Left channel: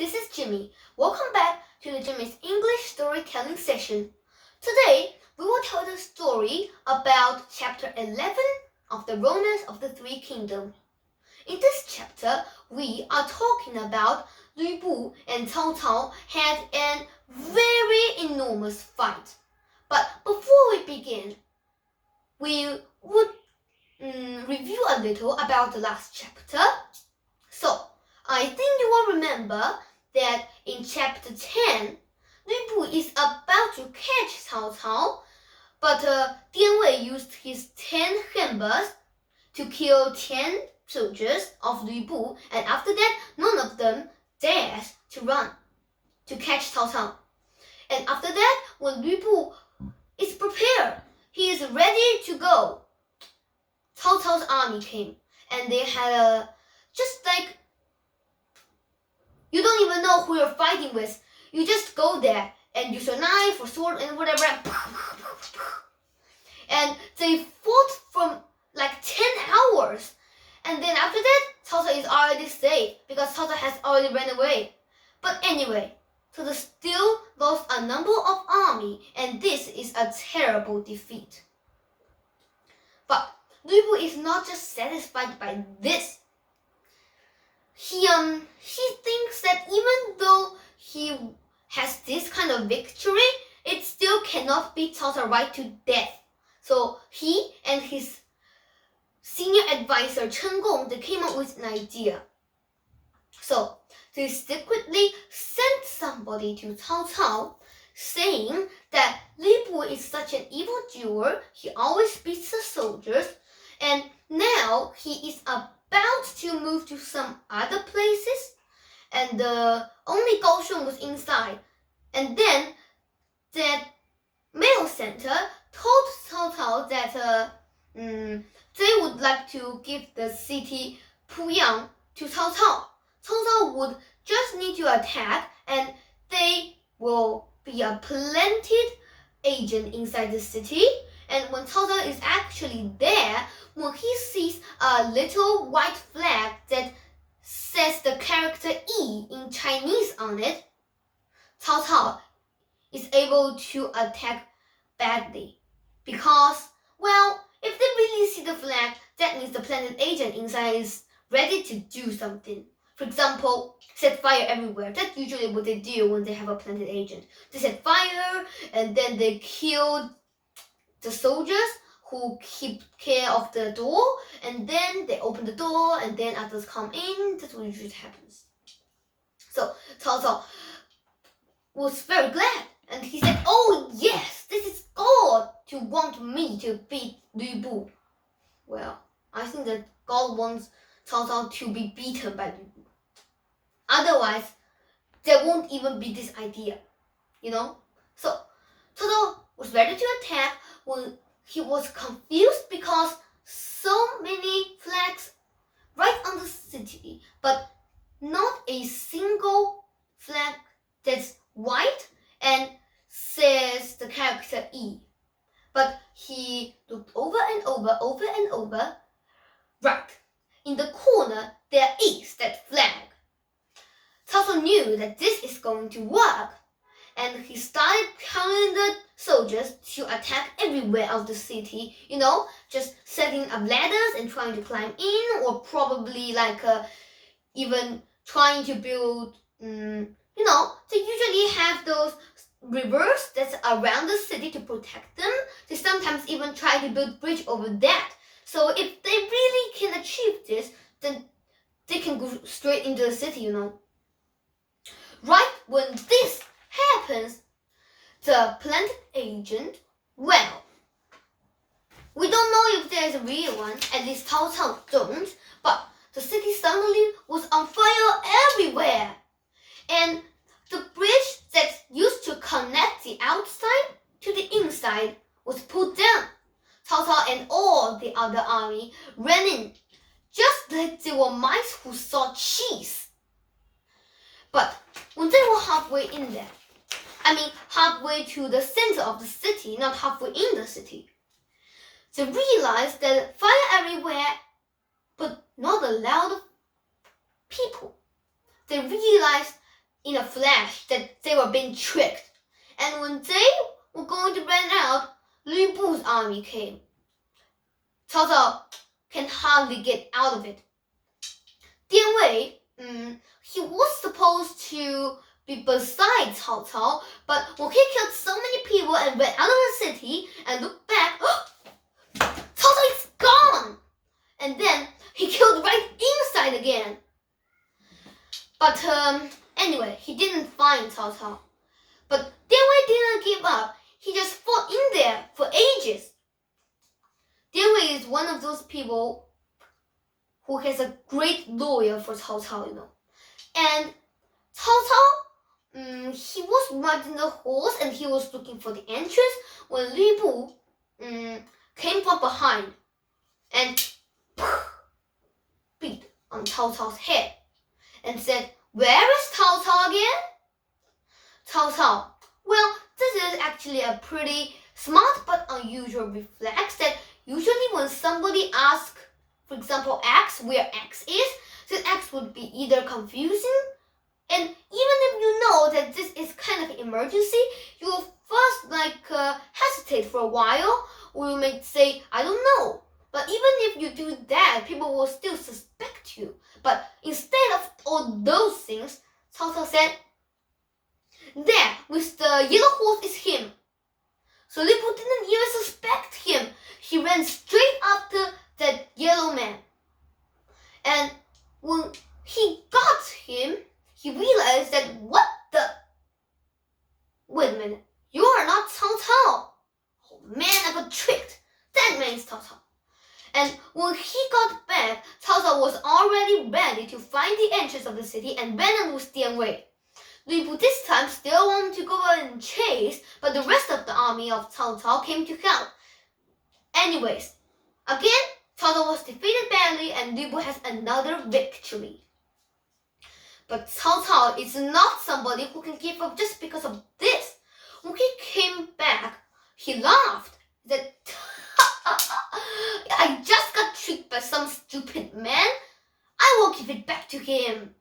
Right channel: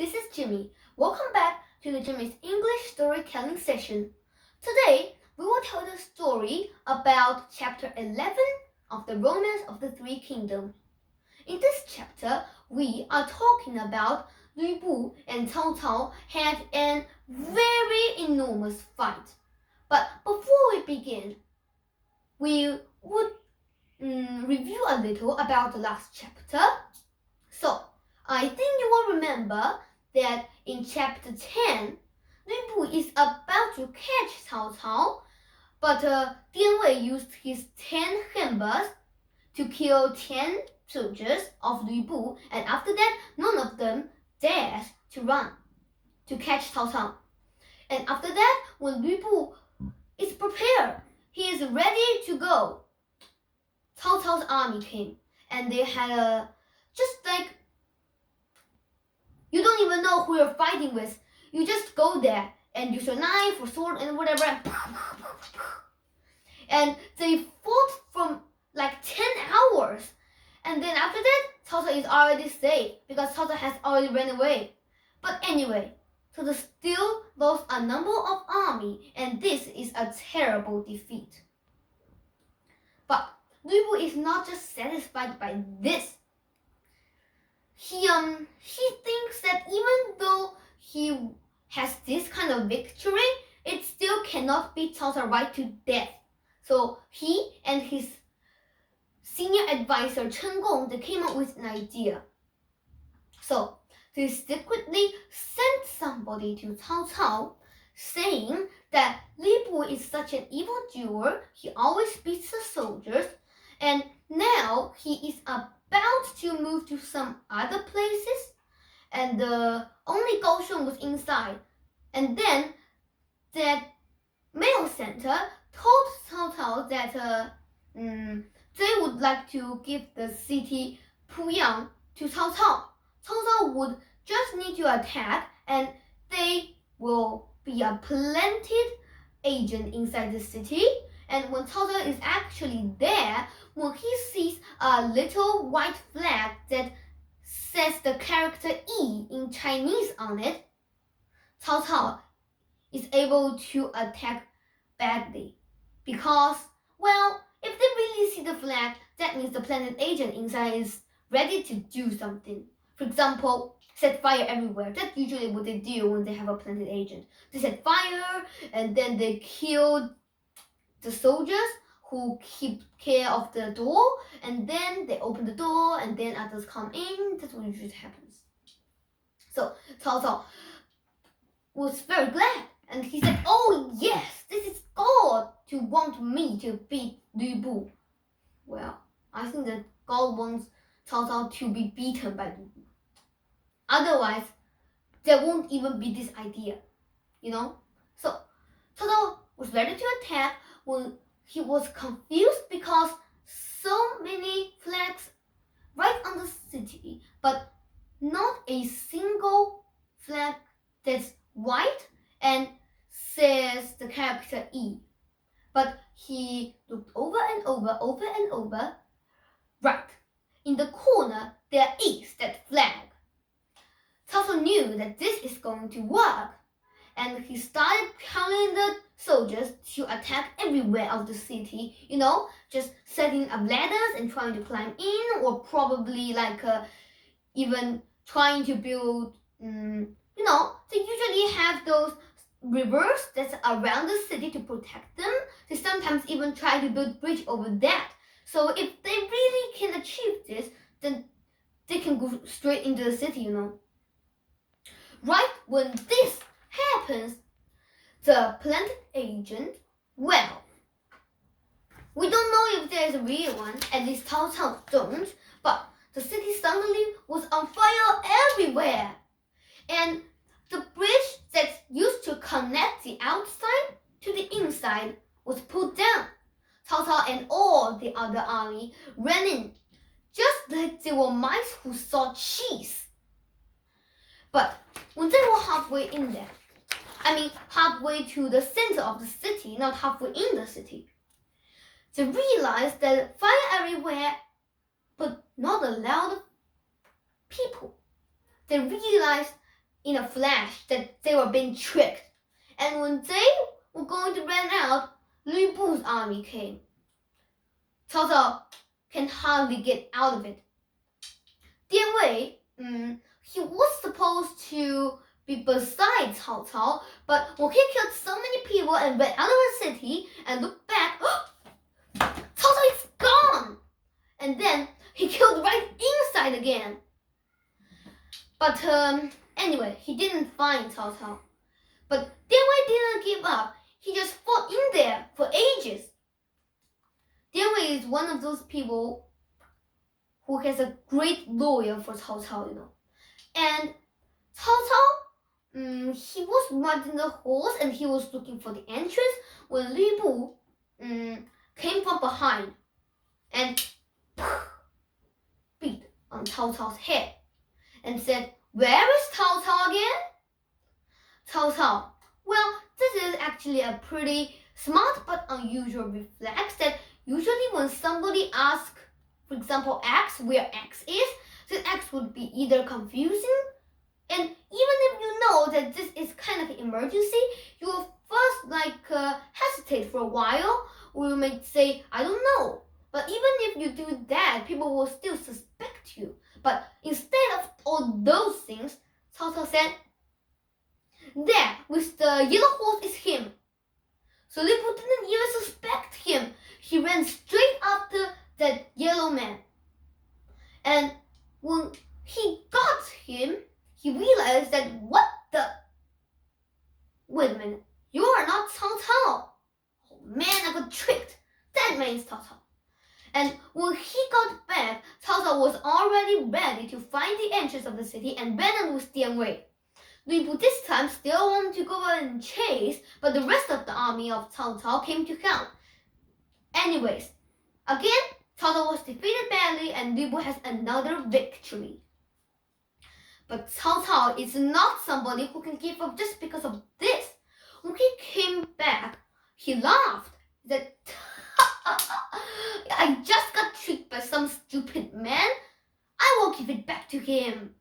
this is Jimmy. Welcome back to the Jimmy's English storytelling session. Today, we will tell the story about chapter 11 of the Romance of the Three Kingdoms. In this chapter, we are talking about Lü Bu and Cao Cao had a very enormous fight. But before we begin, we would review a little about the last chapter. So, I think you will remember that in chapter 10, Lü Bu is about to catch Cao Cao, but Dian Wei used his 10 Henbas to kill 10 soldiers of Lü Bu, and after that, none of them dares to run to catch Cao Cao. And after that, when Lü Bu is prepared, he is ready to go, Cao Cao's army came, and they had just like, you don't even know who you're fighting with. You just go there and use your knife or sword and whatever, and they fought from like 10 hours. And then after that, Cao Cao is already safe because Cao Cao has already ran away. But anyway, so they still lost a number of army, and this is a terrible defeat. But Lü Bu is not just satisfied by this. He thinks that even though he has this kind of victory, it still cannot beat Cao Cao right to death. So he and his senior advisor Chen Gong, they came up with an idea. So they secretly sent somebody to Cao Cao saying that Lü Bu is such an evildoer, he always beats the soldiers, and now he is about to move to some other places, and only Gao Shun was inside. And then that mail center told Cao Cao that they would like to give the city Puyang to Cao Cao. Cao Cao would just need to attack, and they will be a planted agent inside the city. And when Cao Cao is actually there, when he sees a little white flag that says the character E in Chinese on it, Cao Cao is able to attack badly. Because, well, if they really see the flag, that means the planted agent inside is ready to do something. For example, set fire everywhere. That's usually what they do when they have a planted agent. They set fire, and then they kill the soldiers who keep care of the door, and then they open the door, and then others come in. That's what usually happens. So Cao Cao was very glad, and he said, "Oh yes, this is God to want me to beat Lü Bu." Well, I think that God wants Cao Cao to be beaten by Lü Bu. Otherwise, there won't even be this idea, you know? So Cao Cao was ready to attack when he was confused because so many flags right on the city, but not a single flag that's white and says the character E. But he looked over and over. Right, in the corner there is that flag. Cao Cao knew that this is going to work, and he started counting the soldiers to attack everywhere of the city, you know, just setting up ladders and trying to climb in, or probably like even trying to build, you know, they usually have those rivers that's around the city to protect them. They sometimes even try to build a bridge over that. So if they really can achieve this, then they can go straight into the city, you know. Right when this happens, the planted agent, well, we don't know if there's a real one, at least Cao Cao don't, but the city suddenly was on fire everywhere. And the bridge that used to connect the outside to the inside was pulled down. Cao Cao and all the other army ran in, just like they were mice who saw cheese. But when they were halfway in there, I mean halfway to the center of the city, not halfway in the city, they realized that fire everywhere, but not a lot of people. They realized in a flash that they were being tricked. And when they were going to run out, Lu Bu's army came. Cao Cao can hardly get out of it. Dian Wei, he was supposed to be beside Cao Cao, but when he killed so many people and ran out of the city and looked back, Cao Cao is gone! And then he killed right inside again. But anyway, he didn't find Cao Cao. But Dian Wei didn't give up. He just fought in there for ages. Dian Wei is one of those people who has a great loyal for Cao Cao, And Cao Cao, he was riding the horse and he was looking for the entrance when Lu Bu came from behind and beat on Cao Cao's head and said, "Where is Cao Cao again?" Cao Cao, well, this is actually a pretty smart but unusual reflex that usually when somebody asks, for example, X, where X is, then X would be either confusing, and even if you know that this is kind of an emergency, you will first hesitate for a while, or you may say, I don't know. But even if you do that, people will still suspect you. But instead of all those things, Cao Cao said, "There, with the yellow horse is him." So Lu Bu didn't even suspect him. He ran straight after that yellow man. And when he got him, he realized that wait a minute, you are not Cao Cao. Oh man, I got tricked. That man is Cao Cao. And when he got back, Cao Cao was already ready to find the entrance of the city and ran out with Dian Wei. Lu Bu this time still wanted to go and chase, but the rest of the army of Cao Cao came to help. Anyways, again, Cao Cao was defeated badly and Lu Bu has another victory. But Cao Cao is not somebody who can give up just because of this. When he came back, he laughed. That I just got tricked by some stupid man. I will give it back to him.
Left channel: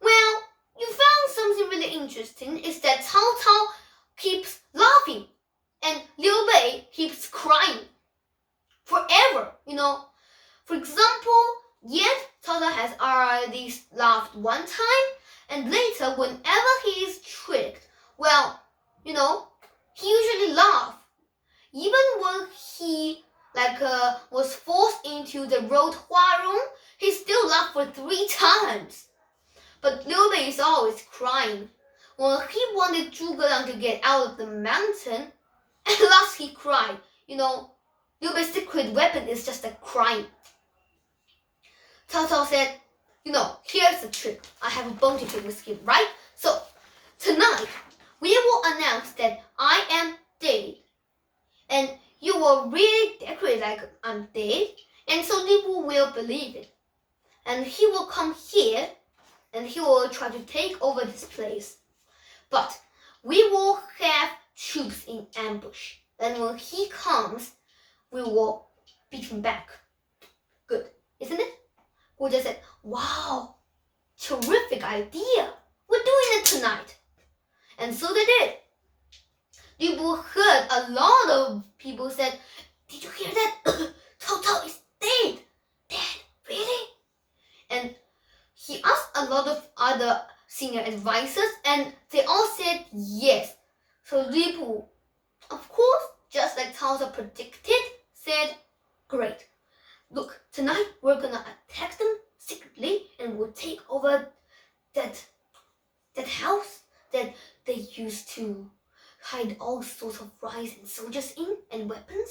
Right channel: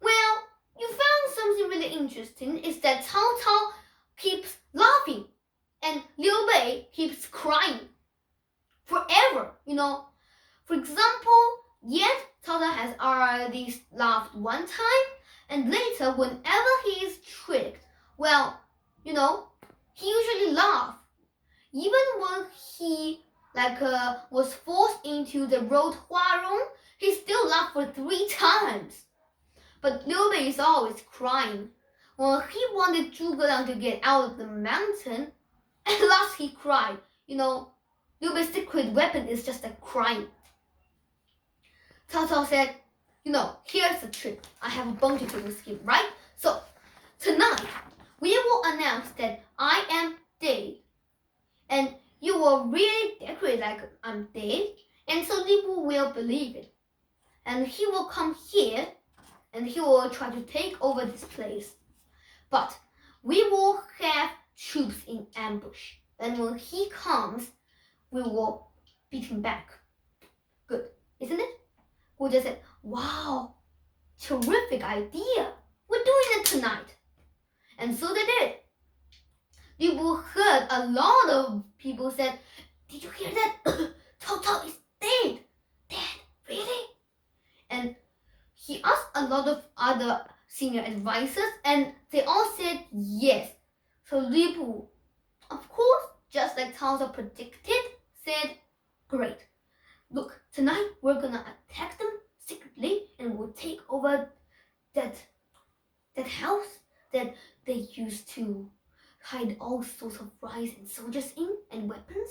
Well, you found something really interesting is that Cao Cao keeps laughing and Liu Bei keeps crying forever, For example, yet Cao Cao has already laughed one time, and later whenever he is tricked, well, he usually laughs. Even when he was forced into the road Hua Rong, he still laughed for 3 times. But Liu Bei is always crying. When he wanted Zhuge Liang to get out of the mountain, at last he cried. Liu Bei's secret weapon is just crying. Cao Cao said, here's the trick. I have a bone to pick with him, right? So, tonight, we will announce that I am dead. And you will really decorate like I'm dead. And so Lu Bu will believe it. And he will come here and he will try to take over this place. But we will have troops in ambush. And when he comes, we will beat him back. Good, isn't it? Gu Zhi said, wow, terrific idea. We're doing it tonight. And so they did. Lu Bu heard a lot of people said, did you hear that? Cao Cao is dead. Dead? Really? And he asked a lot of other senior advisors and they all said yes. So Lu Bu, of course, just like Cao Cao predicted, said, great. Look, tonight we're gonna attack them secretly and we'll take over that house that they used to hide all sorts of rice and soldiers in and weapons,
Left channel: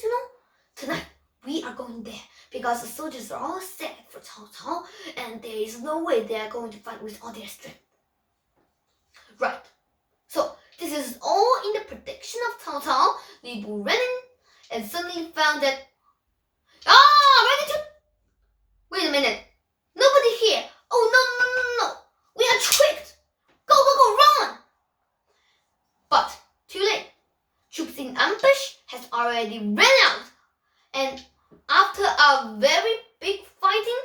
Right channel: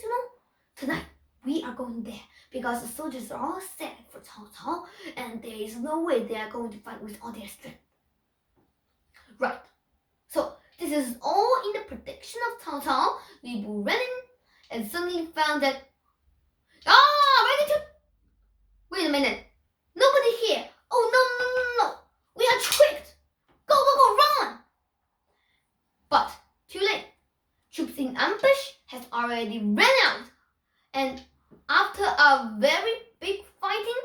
Tonight we are going there because the soldiers are all set for Cao Cao and there is no way they are going to fight with all their strength. Right. So this is all in the prediction of Cao Cao. Lu Bu ran in and suddenly found that wait a minute. Nobody here. Oh no. We are tricked. Go, run. But too late. Troops in ambush has already ran out. And after a very big fighting,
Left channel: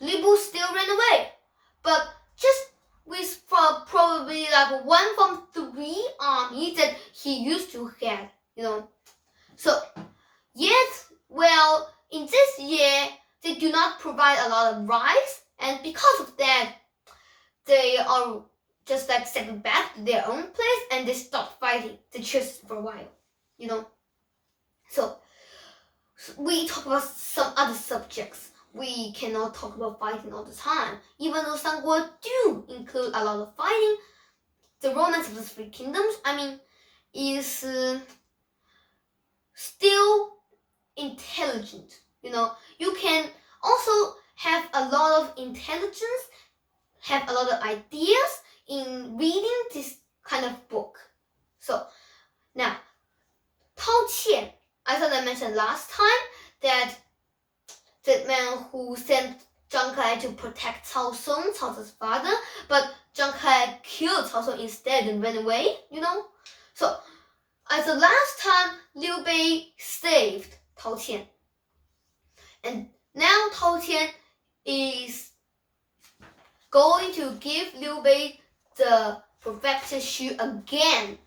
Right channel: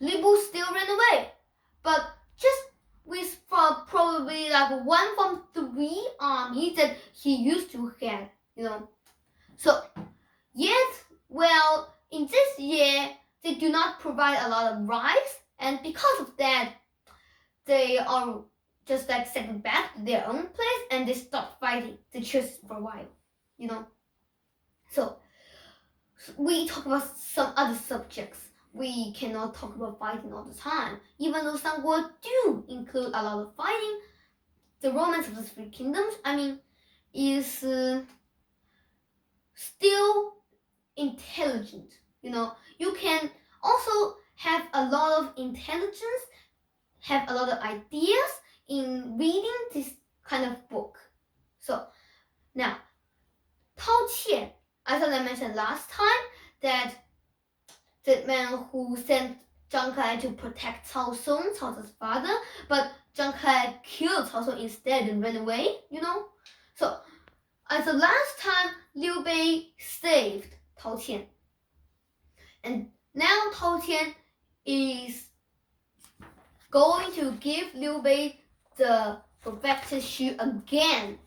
Lu Bu still ran away. But have one from 3 armies that he used to have, So, yes, well, in this year, they do not provide a lot of rice, and because of that, they are just like settled back to their own place and they stopped fighting. They just for a while, So, we talk about some other subjects. We cannot talk about fighting all the time. Even though some words do include a lot of fighting, the Romance of the Three Kingdoms, is still intelligent. You can also have a lot of intelligence, have a lot of ideas in reading this kind of book. So now, Tao Qian, as I mentioned last time, that the man who sent Zhang Kai to protect Cao Song, Cao Cao's father, but Zhang Kai killed Cao Song instead and ran away, So, as the last time, Liu Bei saved Tao Qian. And now Tao Qian is going to give Liu Bei the Perfected Shoe again.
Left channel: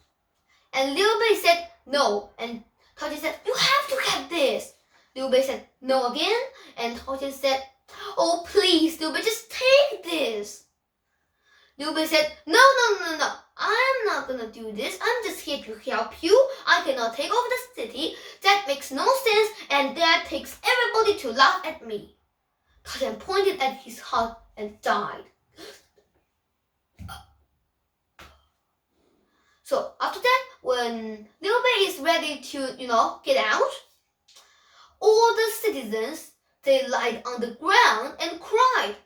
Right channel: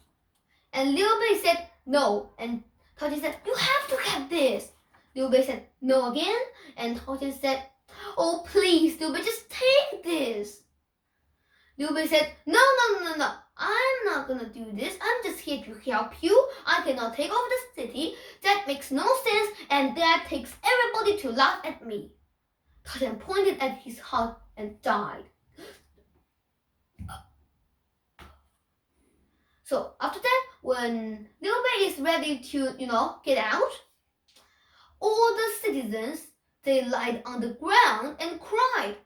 And Liu Bei said no. And Tao Qian said, you have to get this. Liu Bei said no again. And Tao Qian said, oh please, Liu Bei, just take this. Liu Bei said, no. I'm not gonna do this. I'm just here to help you. I cannot take over the city. That makes no sense, and that takes everybody to laugh at me. Tao Qian pointed at his heart and died. So after that, when Liu Bei is ready to, get out, all the citizens, they lied on the ground and cried.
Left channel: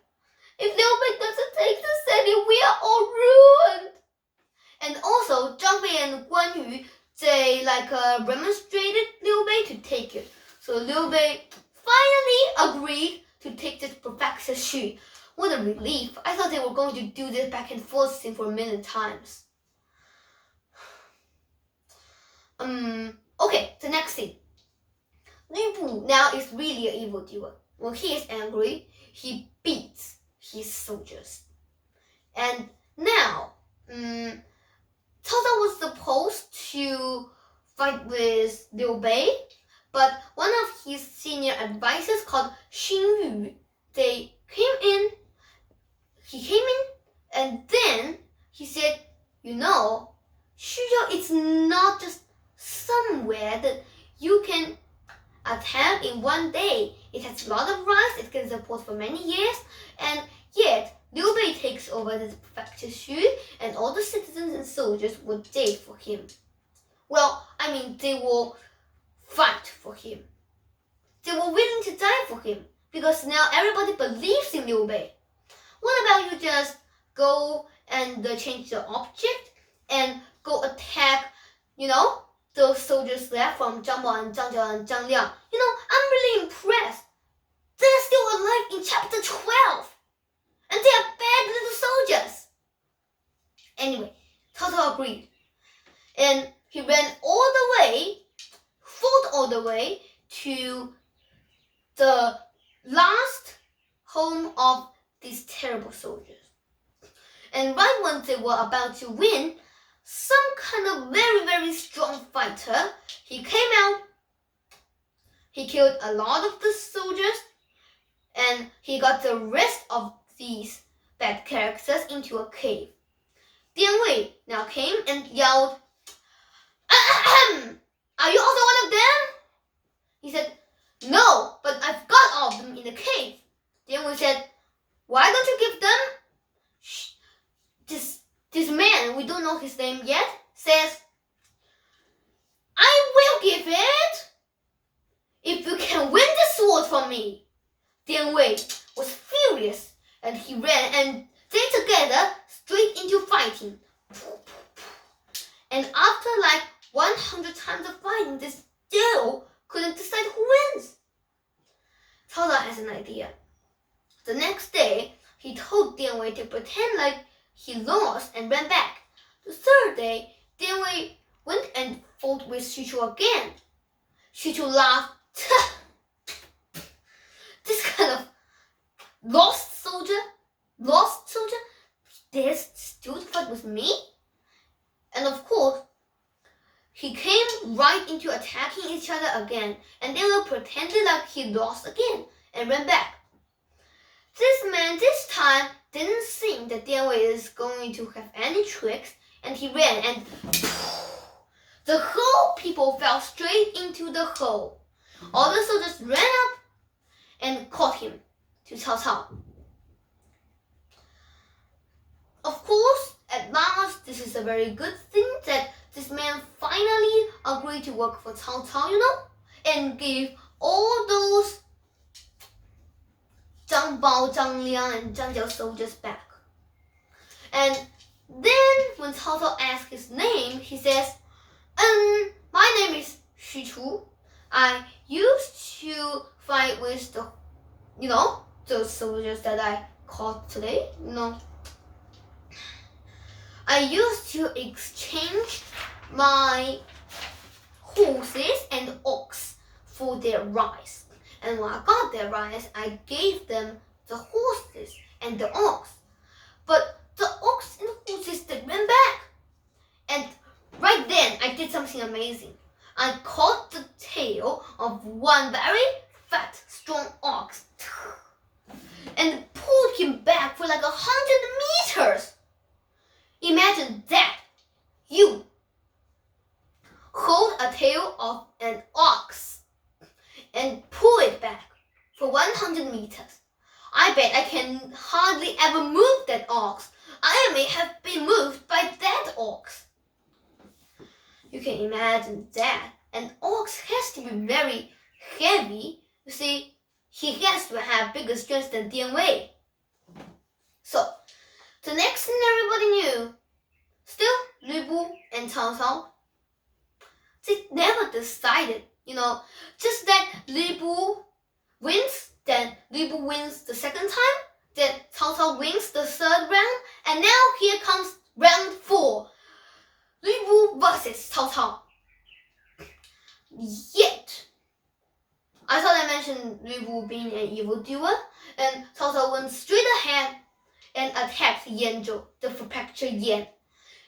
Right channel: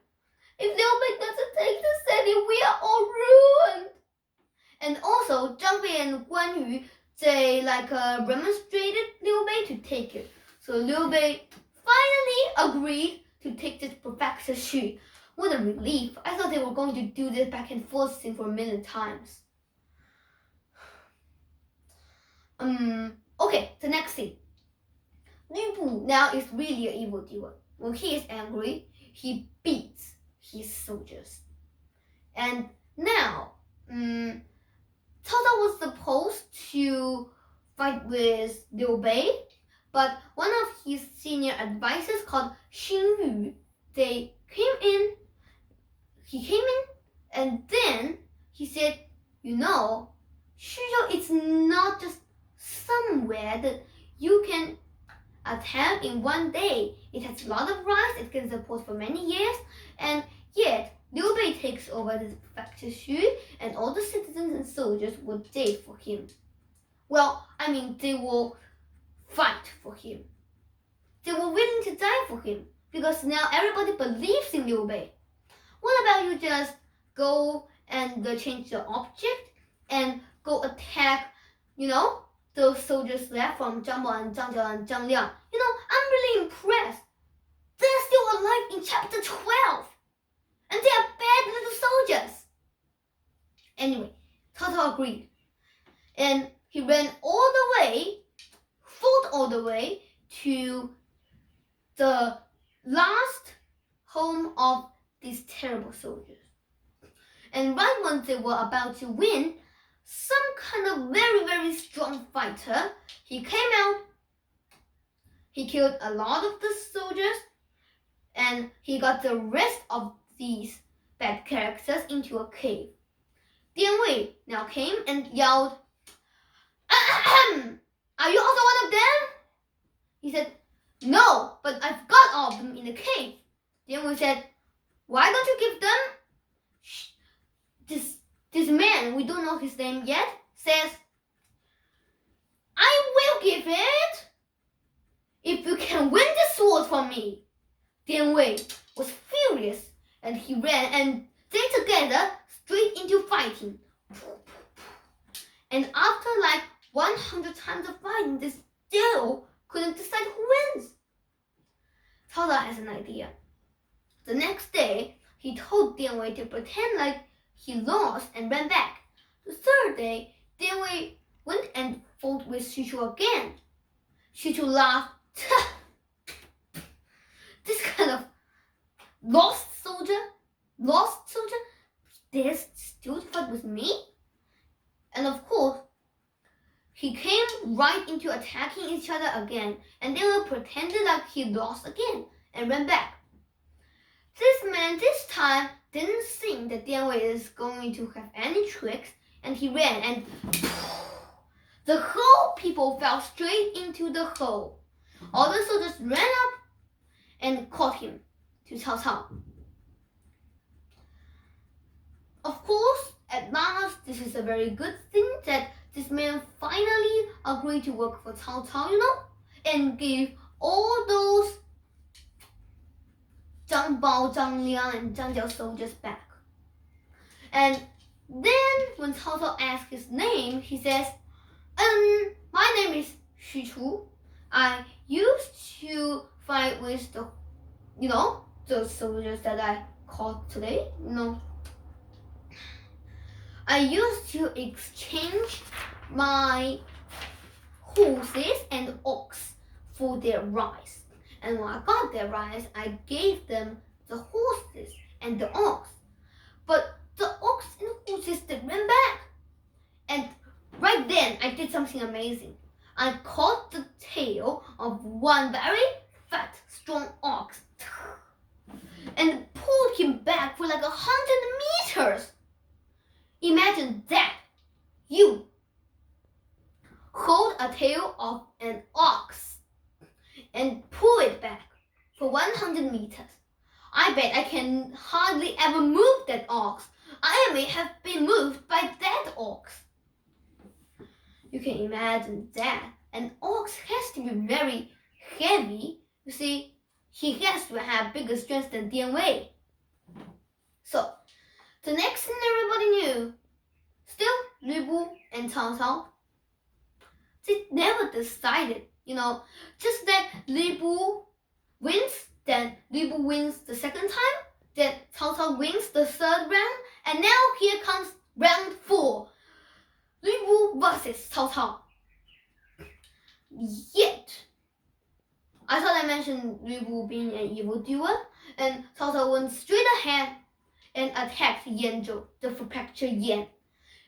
If Liu Bei doesn't take the city, we are all ruined. And also, Zhang Fei and Guan Yu, they remonstrated Liu Bei to take it. So Liu Bei finally agreed to take this Perfected Shoe. What a relief. I thought they were going to do this back and forth scene for a million times. Okay, the next scene. Lu Bu now is really an evildoer. When he is angry, he beats his soldiers. And now, Cao Cao was supposed to fight with Liu Bei, but one of his senior advisors called Xing Yu, he came in, and then he said, Xuzhou is not just somewhere that you can attack in one day. It has a lot of rice, it can support for many years, and yet Liu Bei takes over the Perfected Shoe, and all the citizens and soldiers will die for him. They will fight for him. They were willing to die for him, because now everybody believes in Liu Bei. What about you just go and change the object and go attack, those soldiers left from Zhang Bao and Zhang Jiao and Zhang Liang? I'm really impressed. They're still alive in chapter 12. And they are bad little soldiers. Anyway, Cao Cao agreed. And he ran fought all the way to the last home of these terrible soldiers. And right when they were about to win, some kind of very, very strong fighter, he came out, he killed a lot of the soldiers, and he got the rest of these bad characters into a cave. Dian Wei now came and yelled, Ahem! Are you also one of them? He said, no, but I've got all of them in the cave. Dian Wei said, why don't you give them? This man, we don't know his name yet, says, I will give it if you can win the sword from me. Dian Wei was furious, and he ran, and they together straight into fighting. And after 100 times of fighting, they still couldn't decide who wins. Cao Cao has an idea. The next day, he told Dian Wei to pretend like he lost and ran back. The third day, Dian Wei went and fought with Xu Chu again. Xu Chu laughed. This kind of lost soldier, dares still to fight with me? into attacking each other again, and they will pretend like he lost again and ran back. This man this time didn't think that Dian Wei is going to have any tricks, and he ran, and the whole people fell straight into the hole. All the soldiers ran up and caught him to Cao Cao. Of course, at last, this is a very good thing that this man finally agreed to work for Cao Cao, and gave all those Zhang Bao, Zhang Liang, and Zhang Jiao soldiers back. And then when Cao Cao asked his name, he says, my name is Xu Chu. I used to fight with those soldiers that I caught today, I used to exchange my horses and ox for their rice. And when I got their rice, I gave them the horses and the ox. But the ox and horses, they ran back. And right then, I did something amazing. I caught the tail of one very fat, strong ox and pulled him back for like 100 meters. Imagine that. You hold a tail of an ox and pull it back for 100 meters. I bet I can hardly ever move that ox. I may have been moved by that ox. You can imagine that. An ox has to be very heavy. You see, he has to have bigger strength than Dian Wei. So, the next thing everybody knew, still Lu Bu and Cao Cao, they never decided, just that Lu Bu wins, then Lu Bu wins the second time, then Cao Cao wins the third round, and now here comes round 4, Lu Bu versus Cao Cao. Yet, I thought I mentioned Lu Bu being an evildoer, and Cao Cao went straight ahead and attacked Yanzhou, the prefecture Yan.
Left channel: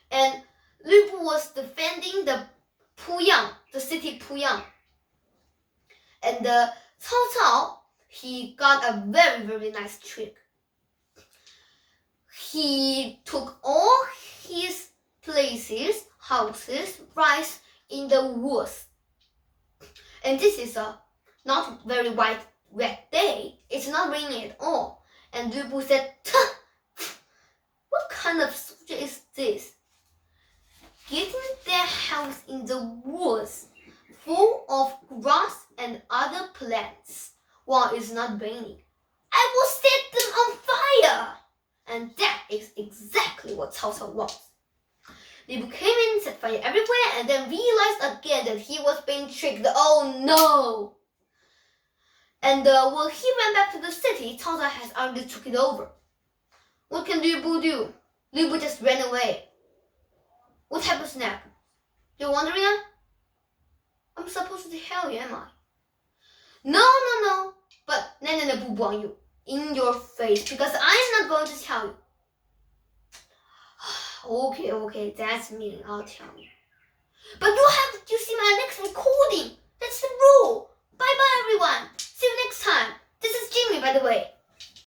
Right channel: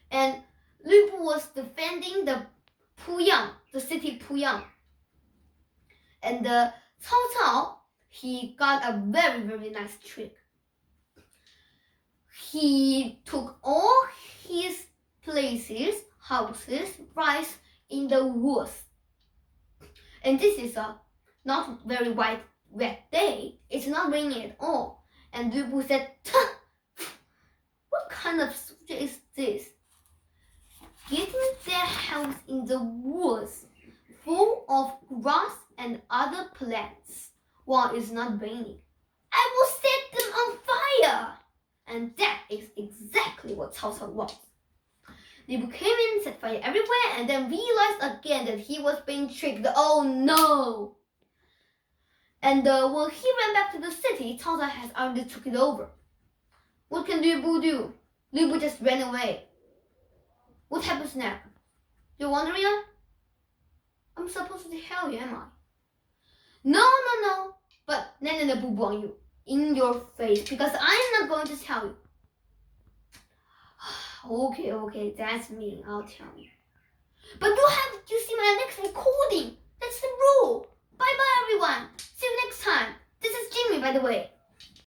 And Lu Bu was defending the city Puyang. And Cao Cao, he got a very, very nice trick. He took all his places, houses, rice in the woods. And this is a not very wet day. It's not raining at all. And Lu Bu said, what kind of soldier is this? Getting their house in the woods full of grass and other plants while it's not raining. I will set them on fire! And that is exactly what Cao Cao was. Lu Bu came in, set fire everywhere, and then realized again that he was being tricked. Oh no! And when he ran back to the city, Cao Cao has already took it over. What can Lu Bu do? Lu Bu just ran away. What happens next? You're wondering? I'm supposed to tell you, am I? No. But Nana Boo Boo on you, in your face, because I'm not going to tell you. Okay, that's me. I'll tell you. But you have to see my next recording. That's the rule. Bye, everyone. See you next time. This is Jimmy, by the way.